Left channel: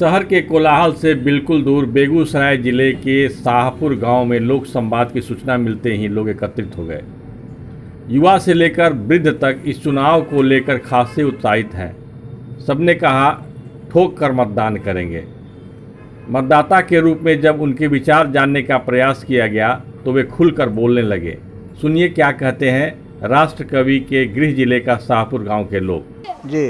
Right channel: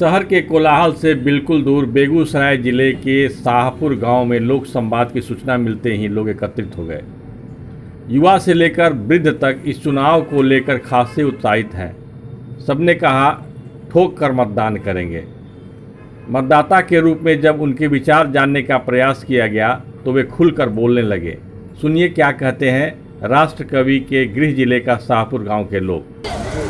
शहर के कोलाहल से बिल्कुल दूर बेगूसराय जिले के शाहपुर गांव में लोक संवाद की सूचना मिलते ही लोग एकत्रित हो गए। युवा से लेकर वृद्ध तक इस चुनाव को लेकर खासे उत्साहित हैं। सबने कहा ठोक कर मतदान करेंगे। मतदाता के रूप में जब उनके विचार जानने का प्रयास किया गया तो वे खुलकर बोलने लगे। सुनिए क्या कहते हैं राष्ट्र कवि के गृह जिले का शाहपुर गांव के लोग। ये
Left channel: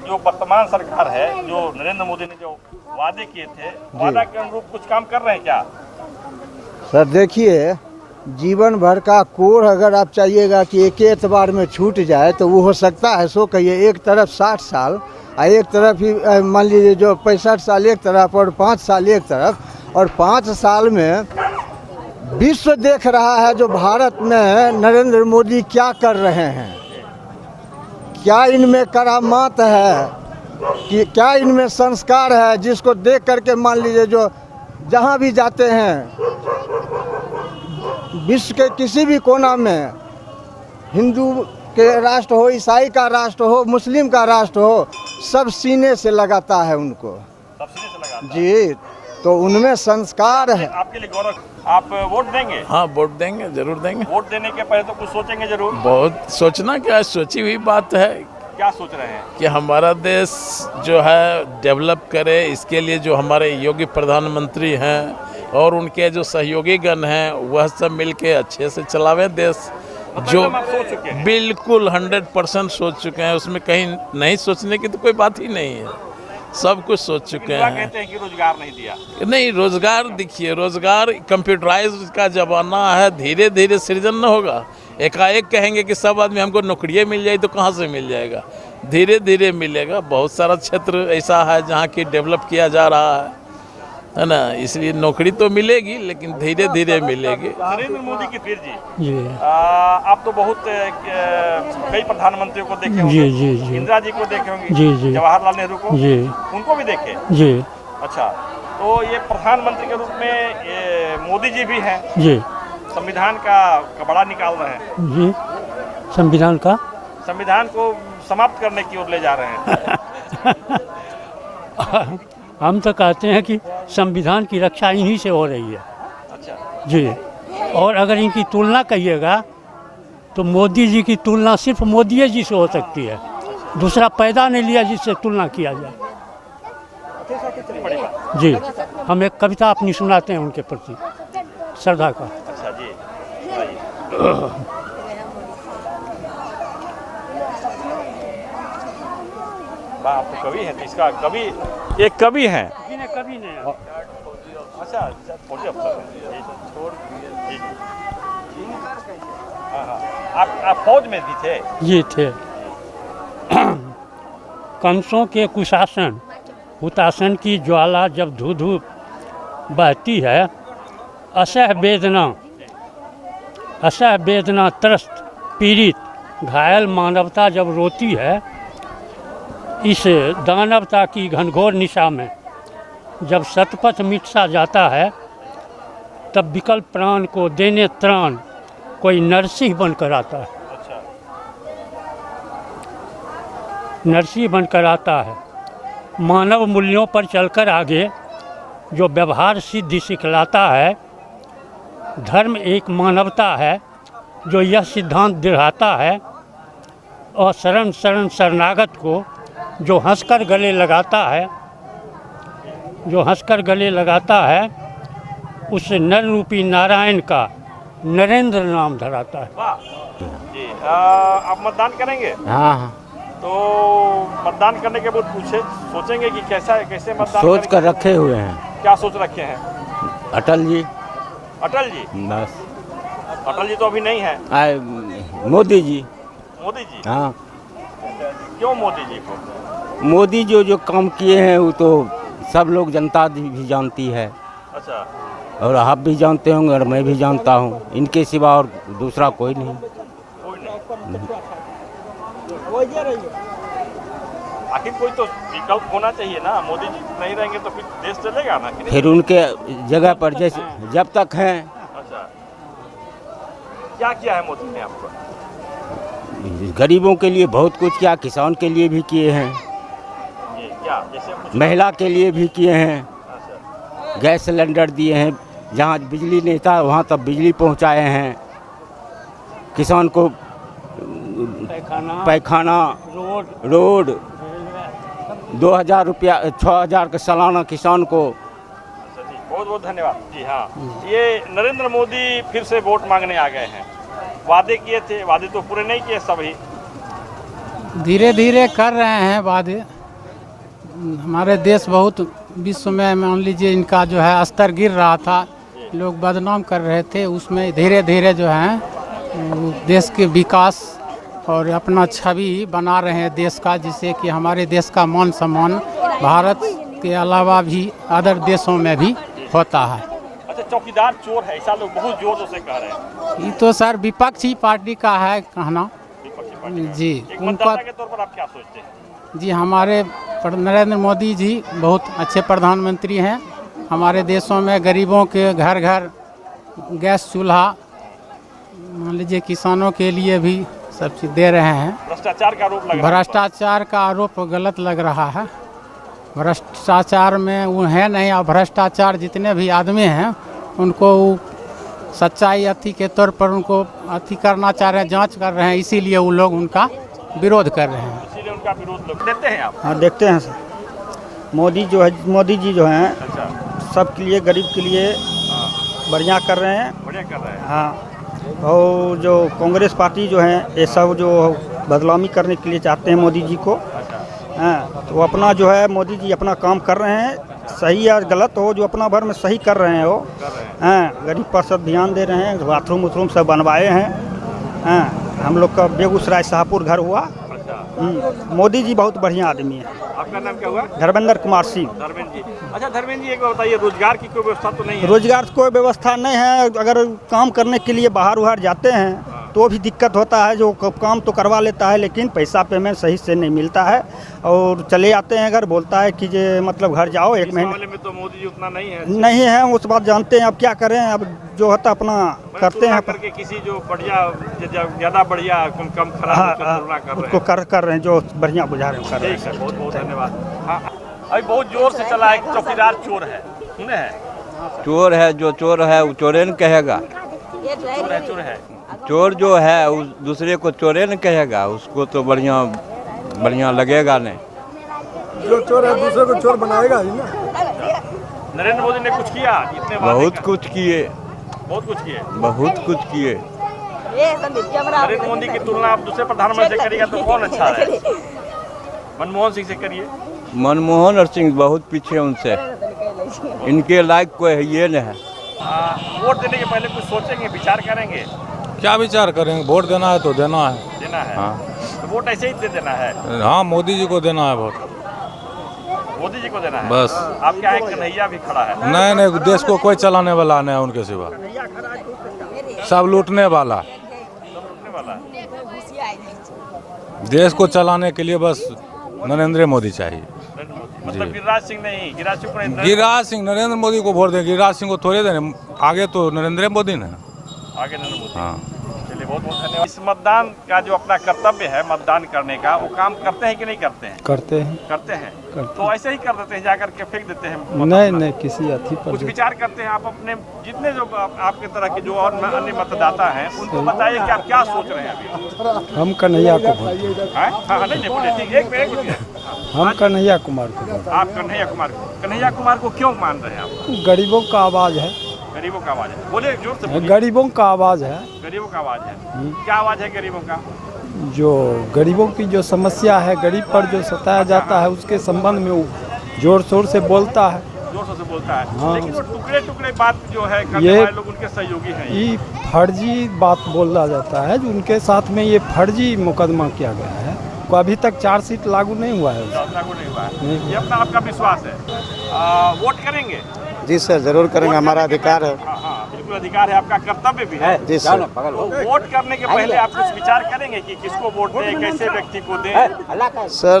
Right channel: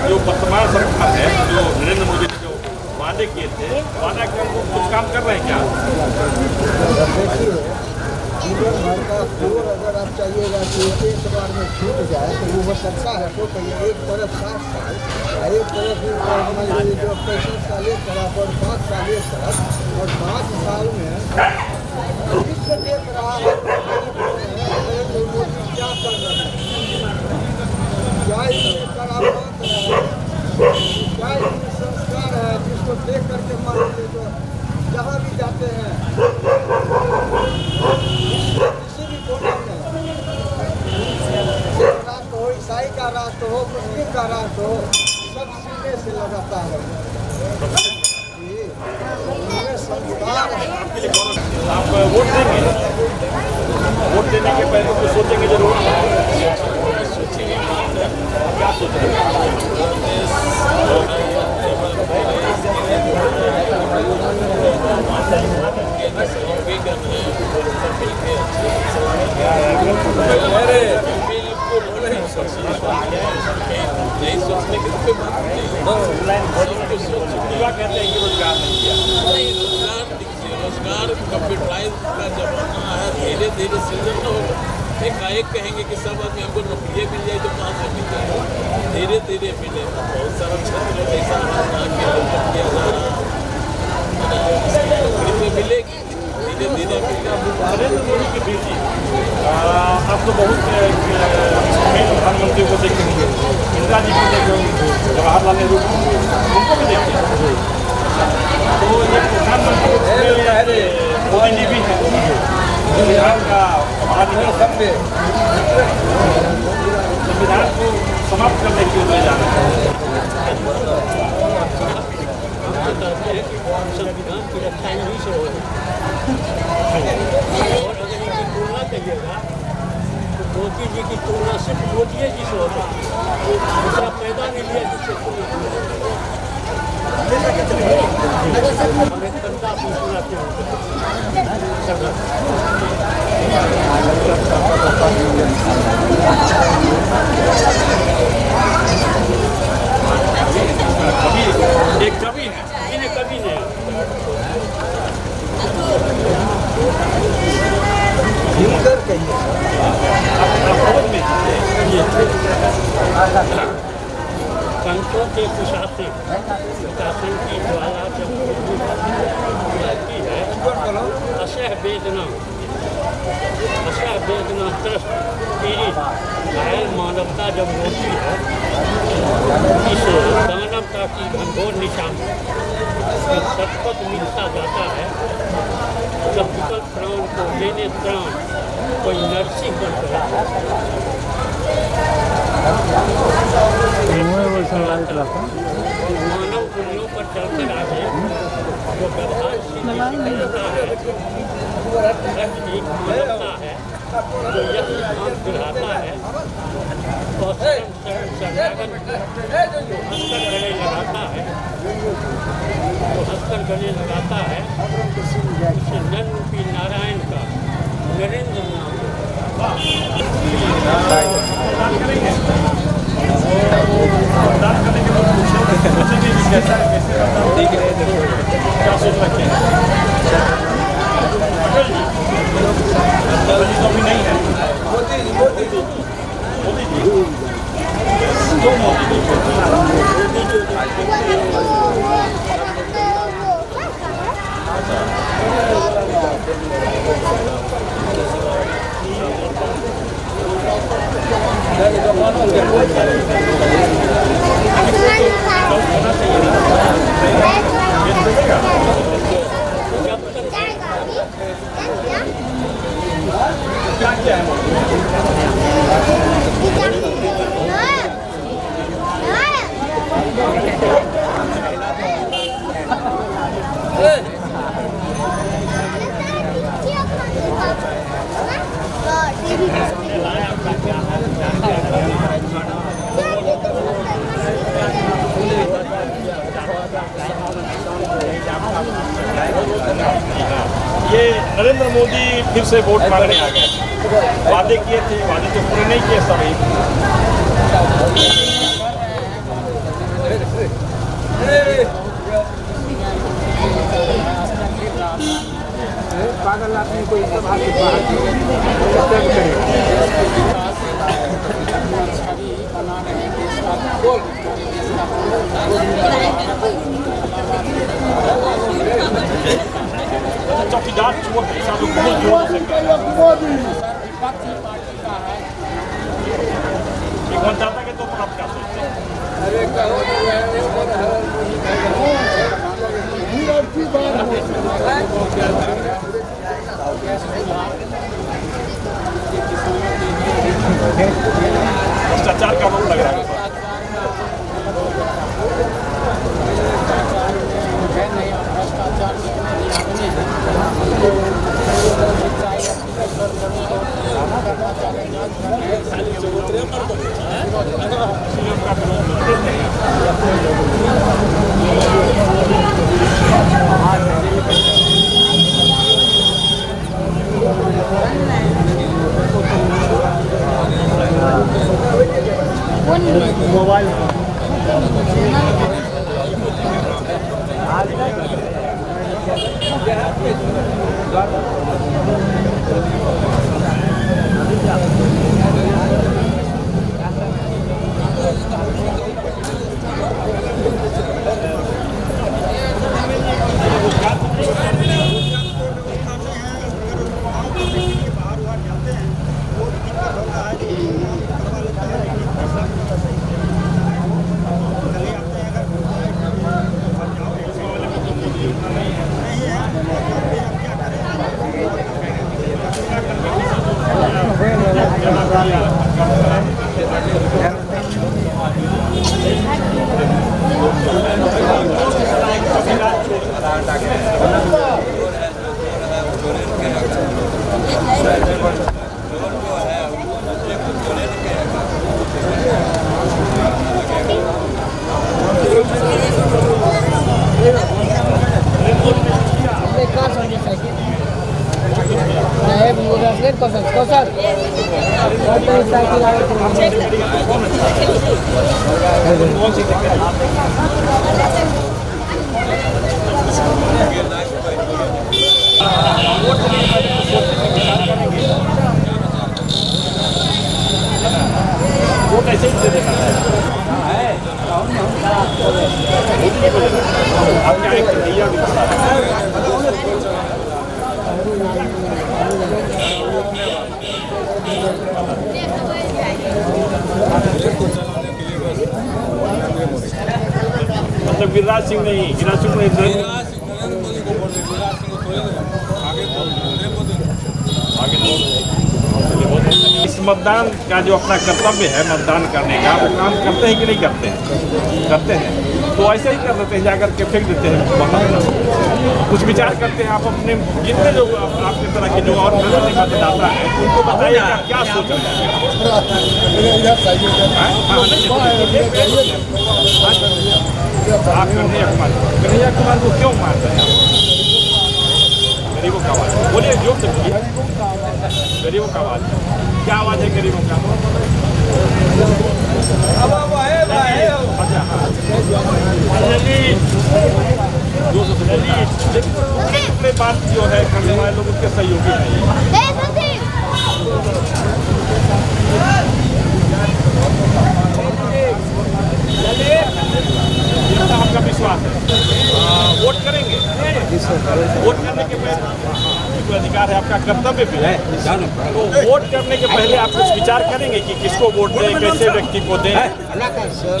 जो वर्तमान सरकार है, जो नरेंद्र मोदी ने जो वादे किए थे, वादा कर कुछ काम कर रहे हैं क्या? देखिए, जीवन भर का कोर अगर आप चाहिएगा कि एक एतबार में छूट जाए तो वो हो सकता है। सो कहिए, एक तरफ 60 साल और एक तरफ ही मान लीजिए जो 65 साल एक तरफ और 5 साल एक तरफ, और 5 साल में विश्व देख रहा है जो भारत में नरेंद्र मोदी क्या कर रहे हैं, क्या इनमें करामात है, कि क्या इनमें संस्कार है, जिसको देख करके मान लीजिए जो जहाँ भी जाते हैं विश्व के किसी भी कोना में, हिंदू के राष्ट्र हो, ईसाई का राष्ट्र हो, मुस्लिम का राष्ट्र हो, सब सीने से लगाता है उनको जी। तो उनमें संस्कार है। आप वोट देंगे? हाँ, वोट देंगे, जरूर देंगे। वोट देने के पहले तो कुछ सोचेंगे जरूर। बहुत सोचना क्या है, सोची हुई बात है क्या सोच रहे हैं? कि हमारा देश जो है डेवलप करे, इसके लिए जो हमारे योगी प्रधानमंत्री हैं और उनके जो सहयोगी गण हैं वह सब मिलके अच्छे से चलावे देश, जो बिल्कुल 100% सोच चुके हैं। उसमें कहीं नहीं सोचने की तो कोई बात ही नहीं है, सब कुछ सोच चुके क्या हैं। कहते हैं कि रोजगार नहीं दिया? नहीं, रोजगार देखिए, रोजगार कंप्यूटराइज का जमाना है, धीरे धीरे सृजन न होगा। एकाएक कहेंगे कि सब आदमी हमको नौकरियाँ मिल जाए तो कहाँ से मिल जाएगा, धीरे धीरे मिलेगा। बहुत सारा क्षेत्र ऐसा है जहाँ की डेवलप किया जा रहा है ना, इसलिए नौकरी तो मिलेगी लेकिन धीरे धीरे मिलेगी। नरेंद्र मोदी के बेटे जी, आप तो बहुत कई प्रधानमंत्रियों को देखे, इंदिरा जी को देखे, जवाहरलाल नेहरू को, उनको भी देखे जी। तो ये प्रधानमंत्री में मोदी जी भी हैं, संविधान का बड़ा निकाल है, संविधान को समाप्त करने की ओर ले जा रहे हैं। हम तो कहते हैं कि संविधान की रक्षा इन्हीं से हो रही है जी। और अगर इनकी तुलना कहिएगा तो मोदी जी की तुलना सिर्फ मोदी जी से हो सकती है, दूसरा पैदा नहीं लिया जिससे तुलना किया जी। हम एक कविता अपनी सुनाते हैं उनके कुछ सरकार। कवि, एक कवि है। आप फौज में जी थे। कंसों के कुशासन हुतासन की ज्वाला जब धू बहती है, असह वेदना त्रस्त पीड़ित घायल मानवता जब रोती है, इस दानवता की घनघोर निशा में जब शतपथ मिट-सा जाता है, तब विकल्प प्राण को देने त्राण कोई नरसिंह बनकर आता है, नरसिंह बनकर आता। मानव मूल्यों पर चलकर आगे जो व्यवहार सिद्धि सिखलाता है, धर्म एक मानवता है जो यह सिद्धांत दिखाता है, और शरण शरण शरणागत को जो हंसकर गले लगाता है, जो हंसकर गले लगाता है, उस नर रूपी नारायण का नरेंद्र नाम धराता है। आप मतदान करेंगे? हाँ। तो मतदान करने के बाद सोचेंगे कि कैसे मतदान सोच कर रखे हुए। क्या सोच रखे हैं? अटल जी। अटल जी? अटल जी तो अभी नहीं है। मोदी जी। मोदी जी? हाँ। क्यों मोदी जी? मोदी जो काम किए हैं उनको सब लोग, जनता जानती है, और आप भी जानते होंगे और मैं भी जानता हूँ। इनके सिवा और दूसरा कोई नहीं। फिर उनके जगह पर जैसे जब तक हैं क्या किया है मोदी? गरीबों के लिए बहुत कुछ किया, किसान के लिए भी किए हैं। महिला के लिए भी किए हैं, गैस सिलेंडर दिए हैं, जहाँ बिजली नहीं था वहाँ तक बिजली पहुँचाए हैं, किसान को पैखाना, रोड, 2000 रुपया 6000 का सालाना किसान को। ये नरेंद्र मोदी फिर से वोट मांगने आ गए, वादे किए थे, वादे तो पूरे नहीं किए सभी। धीरे धीरे कर रहे हैं वादे। हमारे देश बहुत विश्व में मान लीजिए इनका जो है स्तर गिर रहा था, लोग बदनाम कर रहे थे, उसमें धीरे धीरे जो है देश के विकास और अपना छवि बना रहे हैं देश का, जिससे कि हमारे देश का मान सम्मान भारत के अलावा भी अदर देशों में भी होता है। अच्छा, चौकीदार चोर है, ऐसा लोग बहुत जोर से कह रहे हैं। तो सर विपक्षी पार्टी का है कहना जी। एक मतदाता के तौर पर आप क्या सोचते हैं? जी हमारे नरेंद्र मोदी जी बहुत अच्छे प्रधानमंत्री हैं। हमारे देशों में गरीबों के घर घर गैस चूल्हा लीजिए, किसानों के लिए भी दे रहे हैं। भ्रष्टाचार का आरोप लगा, भ्रष्टाचार का आरोप गलत लग रहा है। भ्रष्टाचार में वो है नहीं, और भ्रष्टाचार जितने भी आदमी हैं उनको सच्चाई अथी के तौर पर उनको अथी करना चाह रहे हैं, जांच कर रहे हैं, इसीलिए वो लोग उनका विरोध कर रहे हैं। इसीलिए उनका विरोध करते हैं आप। देखते हैं मोदी जी जो हैं सबके लिए, गरीब के लिए बढ़िया कर रहे हैं। हाँ, और जो कांग्रेस पार्टी जो है ये सब जो बदनामी करने के लिए चाहते हैं मोदी जी को, हाँ, वो अपना जो है मोदी जी अपना काम कर रहे हैं, सही और गलत हो जो अपना भर में सही कर रहे हैं वो। हाँ, गरीब पर सब ध्यान दे रहे हैं, बाथरूम वाथरूम सब बनवाए हैं। हाँ, हम लोग का बेगूसराय शाहपुर घर हुआ। मोदी जी बहुत बढ़िया आदमी है। धर्मेंद्र कुमार सिंह। रोजगार की व्यवस्था तो नहीं है? रोजगार की कोई व्यवस्था नहीं है। अगर काम करने के लिए बाहर उहर जाते हैं तो भी दिक्कत होता है। जो काम तो करवा लेता है लेकिन पैसा पेमेंट सही से नहीं मिलता है, और चले आते हैं घर, बोलता है कि ये मतलब घर जाओ 1 महीने नहीं है। उस बात जानते हैं, अब क्या करें, अब जो होता अपना करते हैं। ज़्यादा बढ़िया कम तो कर रहे हैं जो बढ़िया बुझा रहे हैं। बहुत जोर से चला है कि चौकीदार चोर है। चोर है, जो चोर है वो चोरे न कहेगा। चोर जो है वो दूसरे को चोरे न कहेगा, उसको तो बढ़िया लगेगा नहीं। नरेंद्र मोदी ने कुछ किया, बहुत कुछ किए, बहुत कुछ किए। नरेंद्र मोदी की तुलना आपसे प्रधानमंत्री करेगा तो कौन अच्छा है? मनमोहन सिंह से करिए। मनमोहन सिंह बहुत पीछे उनसे, इनके लायक कोई है ये नहीं। वोट देने के पहले कुछ सोचेंगे, विचार करेंगे? क्या विचार करेंगे? वोट देना है तो देना है। देना है, वोट ऐसे ही दे देना है। हाँ, मोदी जी को देना है। मोदी जी को देना है। आप क्या है कन्हैया भी थोड़ा है? नहीं, देश को कोई चलाने वाला नहीं है उनके से, सब लूटने वाला। देश को चलाने के लिए बस नरेंद्र मोदी चाहिए। मतलब गिरिराज सिंह नहीं, गिरिराज सिंह को नहीं, गिरिराज सिंह नरेंद्र मोदी को वोट दे, गिरिराज सिंह को थोड़े देने, आगे तो नरेंद्र मोदी ने। आगे तो इस मतदान का जो अपना कर्तव्य है मतदान करने का, वो काम करते हैं कि नहीं करते हैं? करते हैं। तो ऐसे ही कर देते हैं, जाकर के फेंक देते हैं। कुछ विचार करते हैं आप अपने, जितने जो आपकी तरह के जो और मतदाता है उनको बताइए कि आप क्या सोच रहे हैं। हम कन्हैया आप कन्हैया कुमार को क्यों मानते हैं आप? गरीबों का आवाज़ है, गरीबों का आवाज़ है। बोलिए, जोर से बोलिए। गरीबों का आवाज़ है। गरीबों का आवाज़ है। क्या आवाज़ है गरीबों का? जो गरीबों की जो समस्या है, गरीब पर जो सताया जाता है, उसके संबंध में जोर शोर से बोलता है। जोर से बोलता है, लेकिन वो टुकड़े बात जो है करने वाले लोग उसके सहयोगी नहीं है। ये फर्जी बात बोला जाता है, जिनके साथ में ये फर्जी मुकदमा किया गया है। अभी तक चार्जशीट लागू नहीं हुआ। ये अपना आपका विश्वास है। वोट करेंगे? जी सर, जरूर करेंगे, हमारा अधिकार है। बिल्कुल अधिकार है, आपका कर्तव्य भी है। जी सर। वोट करने के पहले आप कुछ विचार करेंगे कि किसको वोट दें, कैसे व्यक्ति को दें? सर,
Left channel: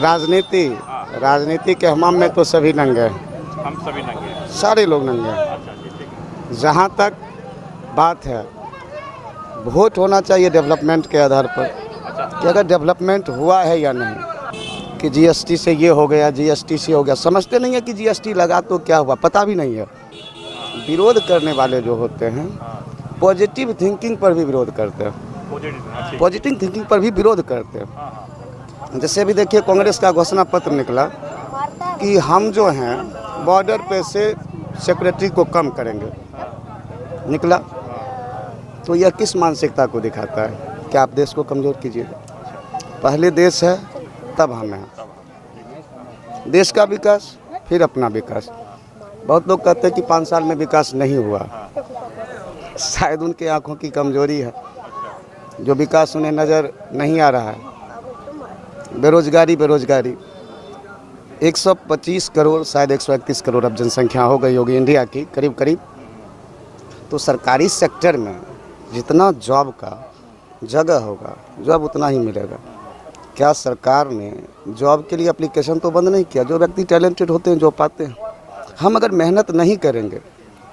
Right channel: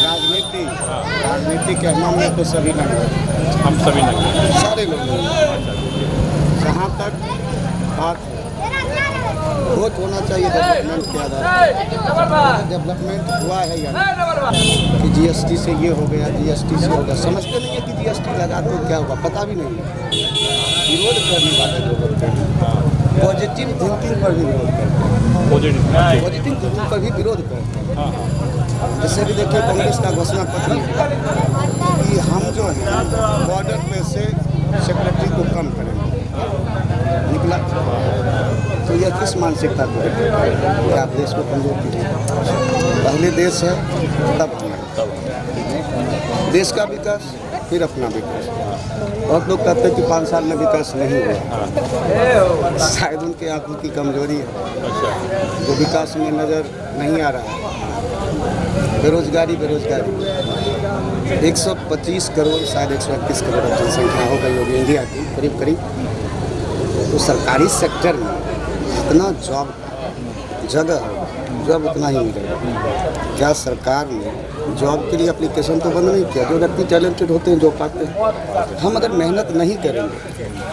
राजनीति के हमाम में तो सभी नंगे, हम सभी लगे, सारे लोग नंगे। जहाँ तक बात है, वोट होना चाहिए डेवलपमेंट के आधार पर। अगर डेवलपमेंट हुआ है या नहीं, कि जीएसटी से ये हो गया, जीएसटी से हो गया। समझते नहीं है कि जीएसटी लगा तो क्या हुआ, पता भी नहीं है। विरोध करने वाले जो होते हैं पॉजिटिव थिंकिंग पर भी विरोध करते हैं, पॉजिटिव थिंकिंग पर भी विरोध करते हैं। जैसे भी देखिए कांग्रेस का घोषणा पत्र निकला कि हम जो हैं बॉर्डर पे से सिक्योरिटी को कम करेंगे, निकला तो यह किस मानसिकता को दिखाता है कि आप देश को कमजोर कीजिए। पहले देश है तब हम हैं। देश का विकास फिर अपना विकास। बहुत लोग कहते हैं कि 5 साल में विकास नहीं हुआ, शायद उनके आंखों की कमजोरी है, जो विकास उन्हें नज़र नहीं आ रहा है। बेरोजगारी 125 करोड़ शायद 121 करोड़ अब जनसंख्या हो गई होगी इंडिया की करीब करीब। तो सरकारी सेक्टर में जितना जॉब का जगह होगा जॉब उतना ही मिलेगा। क्या सरकार ने जॉब के लिए एप्लीकेशन तो बंद नहीं किया? जो व्यक्ति टैलेंटेड होते हैं जॉब पाते हैं। हम अगर मेहनत नहीं करेंगे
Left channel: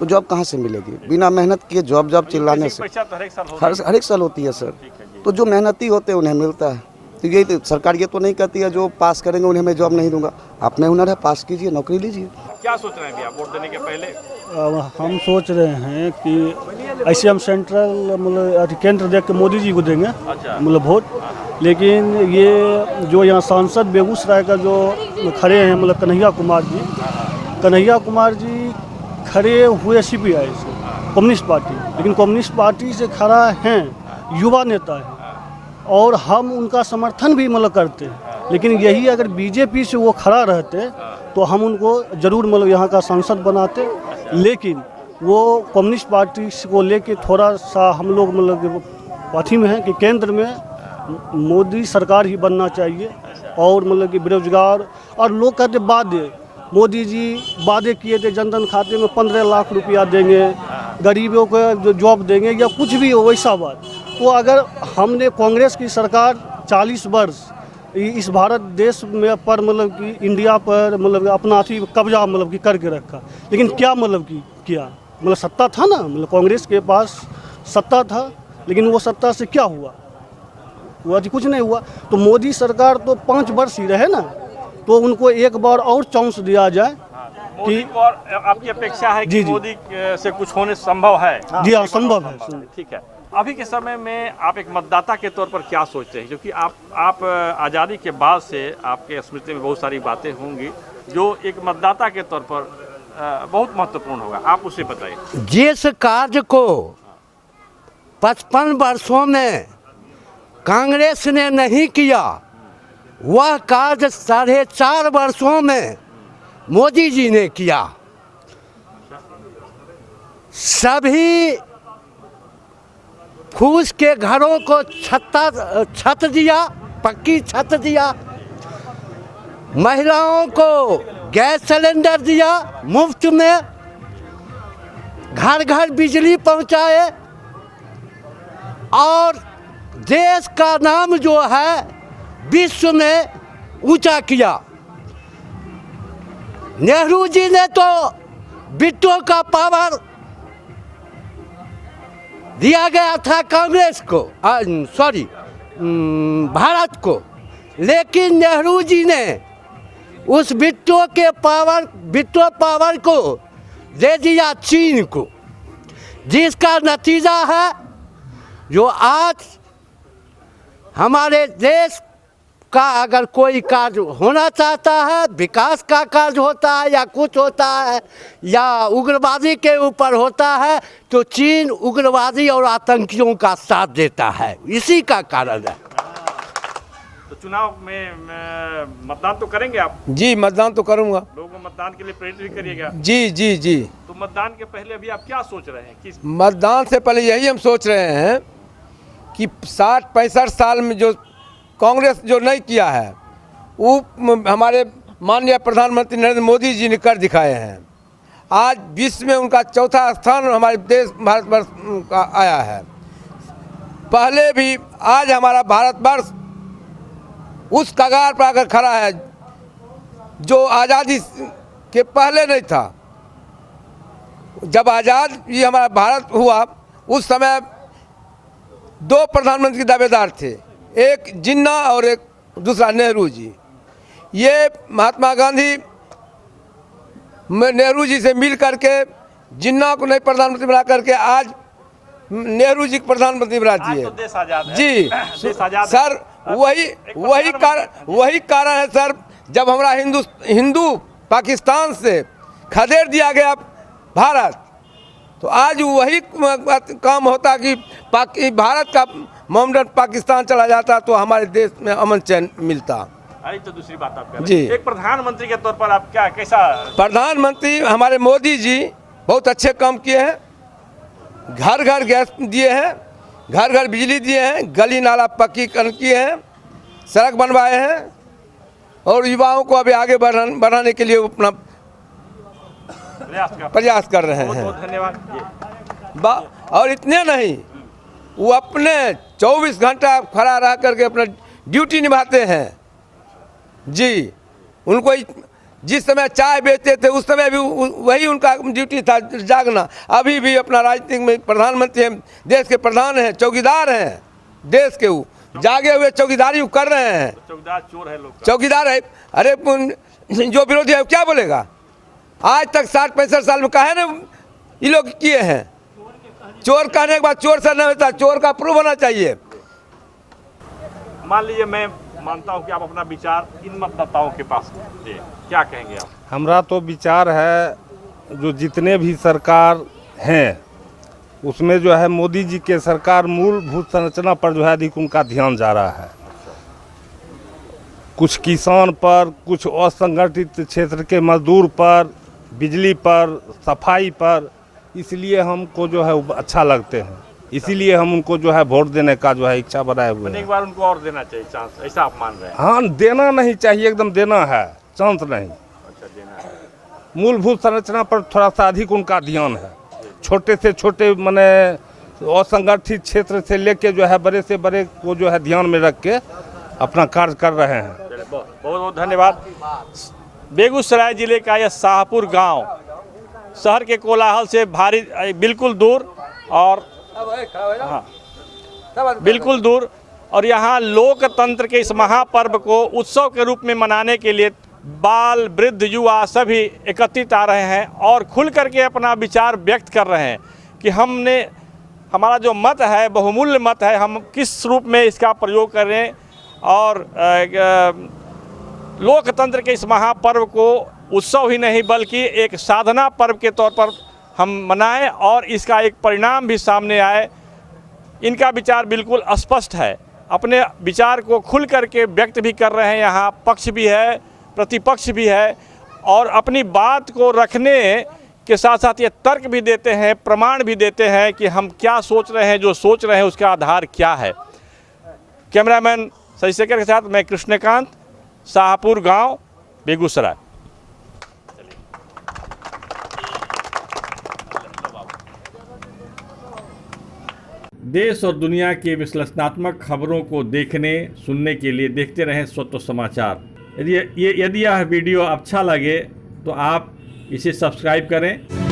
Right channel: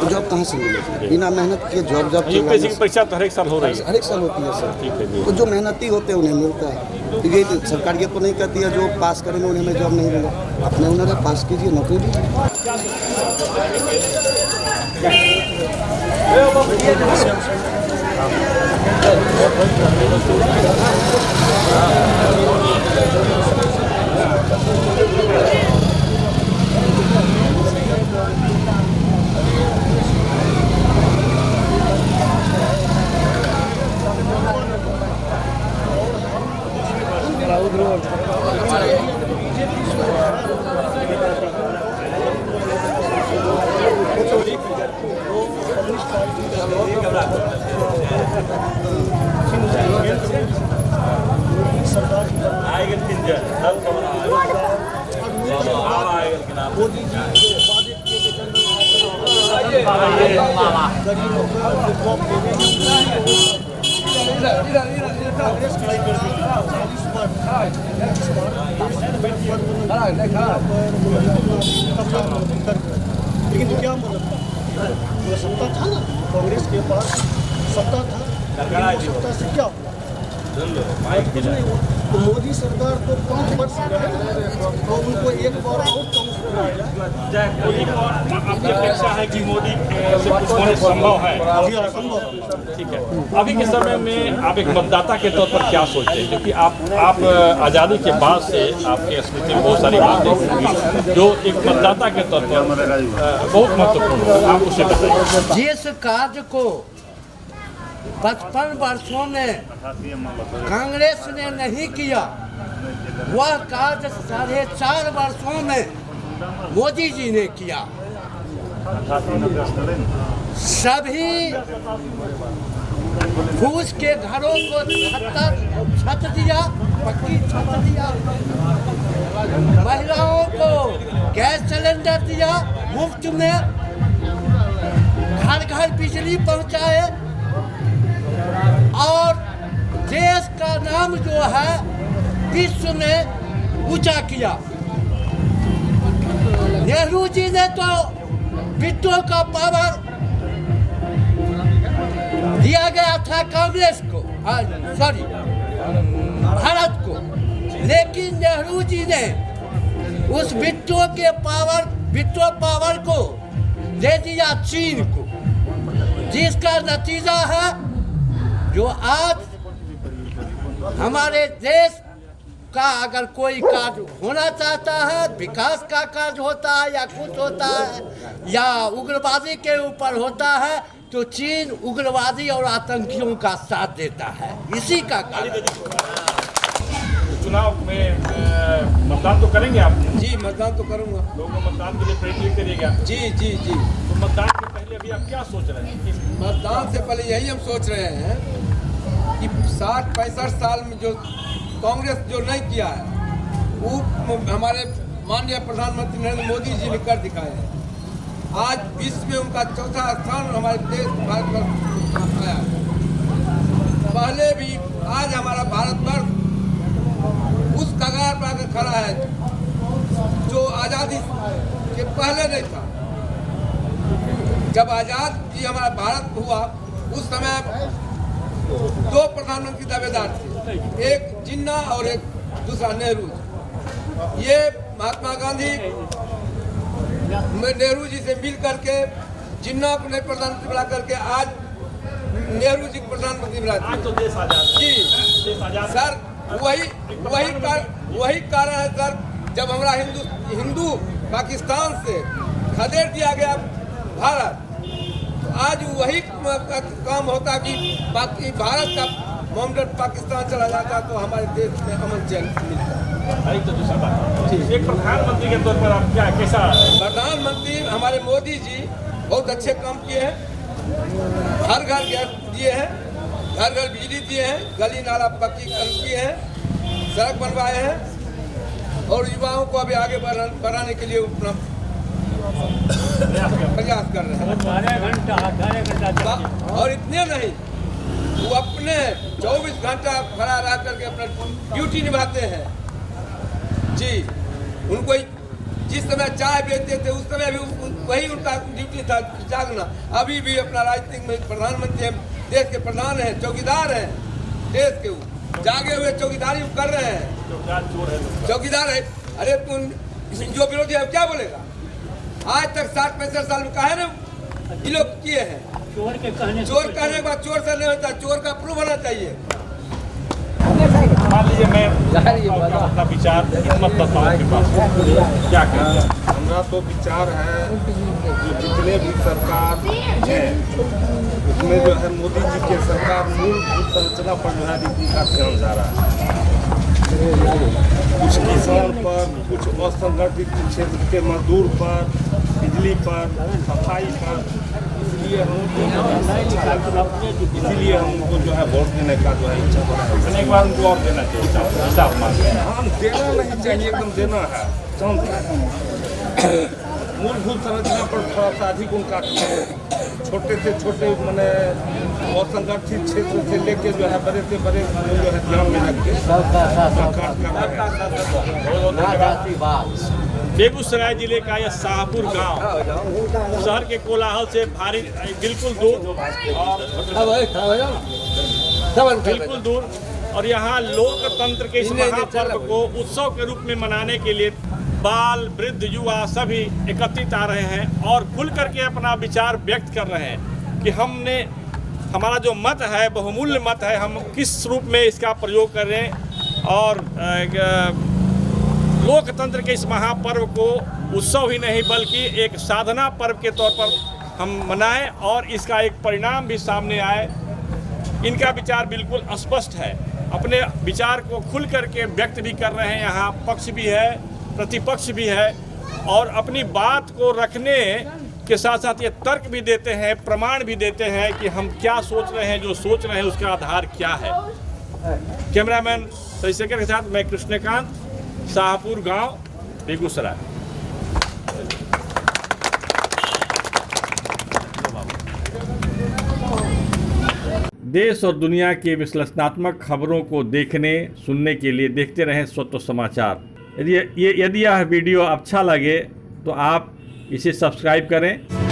तो जॉब कहाँ से मिलेगी? बिना मेहनत किए जॉब चिल्लाने से हर एक साल होती है सर। तो जो मेहनती होते हैं उन्हें मिलता है। तो यही तो सरकार ये तो नहीं कहती है जो पास करेंगे उन्हें मैं जॉब नहीं दूंगा। अपने हुनर है, पास कीजिए, नौकरी लीजिए। क्या सोच रहे हैं आप वोट देने के पहले? हम सोच रहे हैं कि ऐसे हम सेंट्रल केंद्र के मोदी जी को देंगे मतलब वोट। लेकिन ये जो यहाँ सांसद बेगूसराय का जो खड़े हैं मतलब कन्हैया कुमार जी खड़े हुए CPI कम्युनिस्ट पार्टी, लेकिन कम्युनिस्ट पार्टी से खड़ा हैं युवा नेता और हम उनका समर्थन भी मतलब करते हैं। लेकिन यही अगर बीजेपी से वो खड़ा रहते तो हम उनको ज़रूर मतलब यहाँ का सांसद बनाते। लेकिन वो कम्युनिस्ट पार्टी को लेके थोड़ा सा हम लोग मतलब पार्टी में है कि केंद्र में मोदी सरकार ही बनना चाहिए। और मतलब कि बेरोजगार और लोग कहते वादे, मोदी जी वादे किए थे जनधन खाते में 15 लाख रुपया देंगे, गरीबों को जो जॉब देंगे या कुछ भी हो वैसा बात। तो अगर हमने कांग्रेस की सरकार 40 वर्ष इस भारत देश में पर मतलब इंडिया पर मतलब अपना कब्जा मतलब करके रखा, लेकिन क्या मतलब किया है? मतलब सत्ता था ना, मतलब कांग्रेस के पास सत्ता था, लेकिन वो सत्ता से क्या हुआ? कुछ नहीं हुआ। तो मोदी सरकार तो 5 वर्ष ही रहे ना, तो उनको एक बार और चांस दिया जाए कि आपकी अपेक्षा है कि मोदी से कुछ होने संभव है? जी हाँ, संभव है। ठीक है। अभी के समय में आप एक मतदाता के तौर पर क्या सोचते हैं? क्योंकि आप आज़ादी के बाद से आपके स्मृति में बहुत सारी बातें होंगी जो एक मतदाता के तौर पर बहुत महत्वपूर्ण है, आप उसे बताइए। जिस कार्य को 55 वर्षों में कांग्रेस ने नहीं किया, वह कार्य 4.5 वर्षों में मोदी जी ने किया। सभी फूस के घरों को छत दिया, पक्की छत दिया, महिलाओं को गैस सिलेंडर दिया मुफ्त में, घर घर बिजली पहुंचाए और देश का नाम जो है विश्व में ऊंचा किया। नेहरू जी ने तो बिट्टो का पावर दिया गया था कांग्रेस को, भारत को, लेकिन नेहरू जी ने उस बिट्टो पावर को दे दिया चीन को, जिसका नतीजा है जो आज हमारे देश का अगर कोई कार्य होना चाहता है, विकास का कार्य होता है या कुछ होता है या उग्रवादी के ऊपर होता है, तो चीन उग्रवादी और आतंकियों का साथ देता है। इसी का कारण है। चुनाव में मतदान तो करेंगे आप? जी, मतदान तो करूंगा। लोगों को मतदान के लिए प्रेरित करिएगा? जी। तो मतदान के पहले अभी आप क्या सोच रहे हैं? मतदान से पहले यही हम सोच रहे हैं कि 60-65 साल में जो कांग्रेस जो नहीं किया है वो हमारे माननीय प्रधानमंत्री नरेंद्र मोदी जी ने कर दिखाए हैं। आज विश्व में उनका 4था स्थान हमारे देश भारतवर्ष का आया है। पहले भी आज हमारा भारतवर्ष उस कगार पर आकर खड़ा है जो आज़ादी के पहले नहीं था। जब आज़ाद ये हमारा भारत हुआ उस समय 2 प्रधानमंत्री दावेदार थे, एक जिन्ना और एक दूसरा नेहरू जी। ये महात्मा गांधी नेहरू जी से मिल करके जिन्ना को नए प्रधानमंत्री बना करके आज नेहरू जी को प्रधानमंत्री बना दिए। जी सर, वही कारण है सर, जब हमारा हिंदू पाकिस्तान से खदेड़ दिया गया भारत, तो आज वही काम होता कि भारत का मोहम्मद पाकिस्तान चला जाता तो हमारे देश में अमन चैन मिलता। तो दूसरी बात जी, एक प्रधानमंत्री के तौर पर आप कैसा? प्रधानमंत्री हमारे मोदी जी बहुत अच्छे काम किए हैं, घर घर गैस दिए हैं, घर घर बिजली दिए हैं, गली नाला पक्कीकरण किए हैं, सड़क बनवाए हैं और युवाओं को अभी आगे बढ़ाने के लिए अपना प्रयास कर रहे हैं। और इतने नहीं, वो अपने 24 घंटा खड़ा रह करके अपना ड्यूटी निभाते हैं। जी, उनको जिस समय चाय बेचते थे उस समय भी वही उनका ड्यूटी था, जागना। अभी भी अपना राजनीतिक में प्रधानमंत्री हैं, देश के प्रधान हैं, चौकीदार हैं देश के, वो जागे हुए चौकीदारी कर रहे हैं। चौकीदार है। अरे जो विरोधी है क्या बोलेगा? आज तक 60-65 साल में कहा है ना ये लोग किए हैं। चोर कहने के बाद चोर से नहीं होता, चोर का प्रूफ होना चाहिए। मान लीजिए मैं क्या अपना विचार मतदाताओं के पास क्या कहेंगे? हमारा तो विचार है, जो जितने भी सरकार हैं उसमें जो है मोदी जी के सरकार मूलभूत संरचना पर जो है अधिक उनका ध्यान जा रहा है। कुछ किसान पर, कुछ असंगठित क्षेत्र के मजदूर पर, बिजली पर, सफाई पर, इसलिए हमको जो है अच्छा लगते, इसीलिए हम उनको जो है वोट देने का जो है इच्छा बनाए हुए। एक बार उनको और देना चाहिए, ऐसा आप मानते हैं? हाँ, देना नहीं चाहिए, एकदम देना है, चांस नहीं। मूलभूत संरचना पर थोड़ा सा अधिक उनका ध्यान है। छोटे से छोटे माने असंगठित क्षेत्र से लेके जो है बड़े से बड़े को जो है ध्यान में रख के अपना कार्य कर रहे हैं। बहुत बहुत धन्यवाद। बेगूसराय जिले का यह शाहपुर गांव शहर के कोलाहल से बिल्कुल दूर और यहाँ लोकतंत्र के इस महापर्व को उत्सव के रूप में मनाने के लिए बाल, वृद्ध, युवा सभी एकत्रित आ रहे हैं और खुल करके अपना विचार व्यक्त कर रहे हैं कि हमारा जो मत है, बहुमूल्य मत है, हम किस रूप में इसका प्रयोग करें और लोकतंत्र के इस महापर्व को उत्सव ही नहीं बल्कि एक साधना पर्व के तौर पर हम मनाएं और इसका एक परिणाम भी सामने आए। इनका विचार बिल्कुल स्पष्ट है, अपने विचार को खुल करके व्यक्त भी कर रहे हैं। यहाँ पक्ष भी है, प्रतिपक्ष भी है और अपनी बात को रखने के साथ साथ ये तर्क भी देते हैं, प्रमाण भी देते हैं कि हम क्या सोच रहे हैं, जो सोच रहे हैं उसका आधार क्या है। कैमरामैन शशिशेखर के साथ मैं कृष्णकांत, शाहपुर गांव, बेगूसराय। देश और दुनिया के विश्लेषणात्मक खबरों को देखने सुनने के लिए देखते रहें स्वतः समाचार। यदि यह वीडियो अच्छा लगे तो आप इसे सब्सक्राइब करें।